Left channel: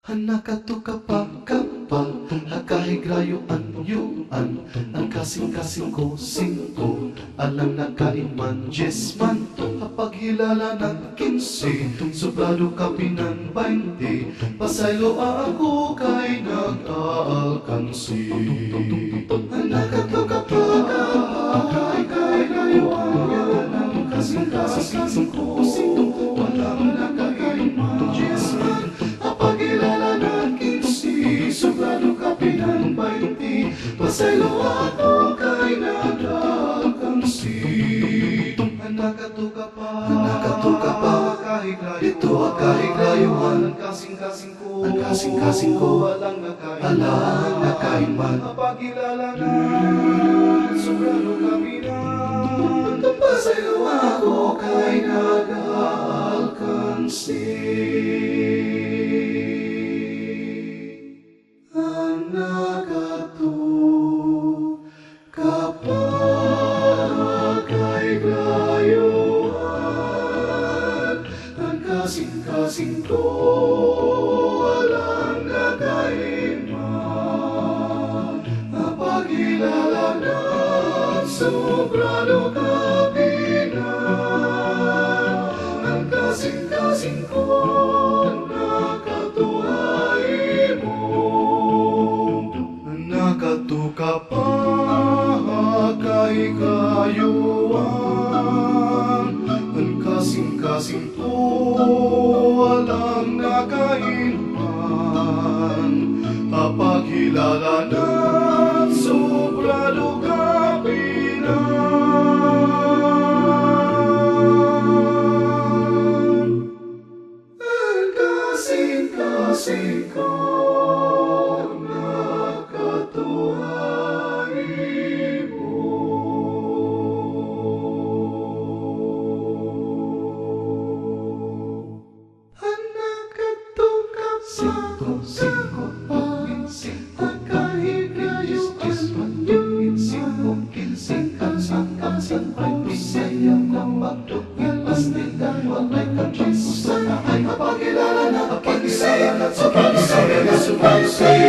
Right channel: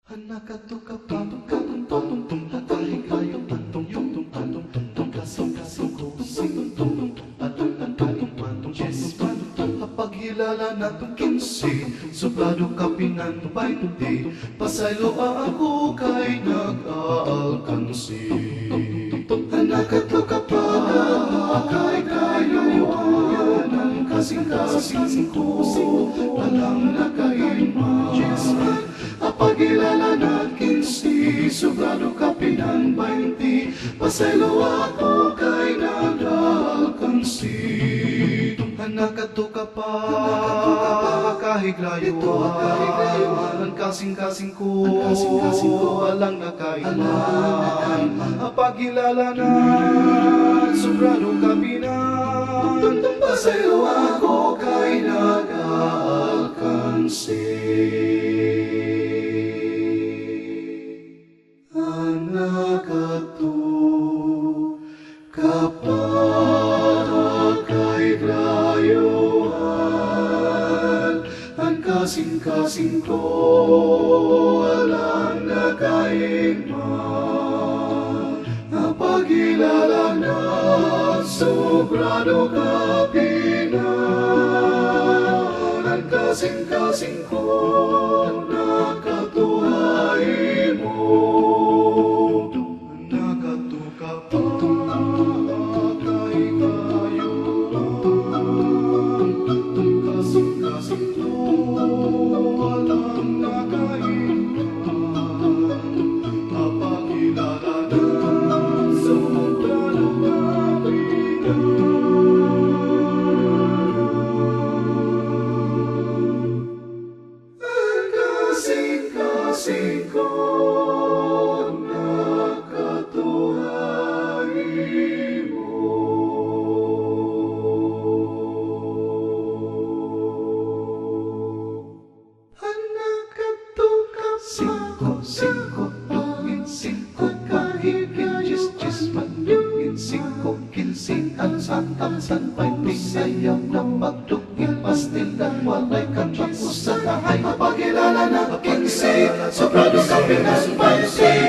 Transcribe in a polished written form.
Hanakatuka pa kapal, hakahigayo yung ang kasing-kasing ko sinto, alam na kaiman, jesman, hapaghilala ng 15, suplado kapinan 20, pasaylo ako kay nag-aalkansi. Hanakatuka pa hakahigayo ang kasing-kasing ko sinto, alam na kaiman, jesman, pagilala ng 15, sobrado kapinan 20, pasaylo ako kay nag-alkansi. Hanakatuka pa kahiglayo, ito kahiglayuan, ang kasing-kasing ko, walang nakain man, pagilala ng sobrado kapinan, pasaylo ako kay nag-alkansi. Kasing-kasing ko, walang nakaiman, napagilala na sobrado kapinan. Ang kasing-kasing ko, nakatuhay mo, nakatuka pa kay kayuan. Ang kasing-kasing ko, walang nakaiman, papakilala ng sobrado kapinan. Ang kasing-kasing ko, nakatuhay mo. Cinco, kahigayos, panyungin, 5, 15, ang 20, sayang na magdugin, pastilan, walay kantang usan, ay mapagilala na 15, sobrado kapinan 20.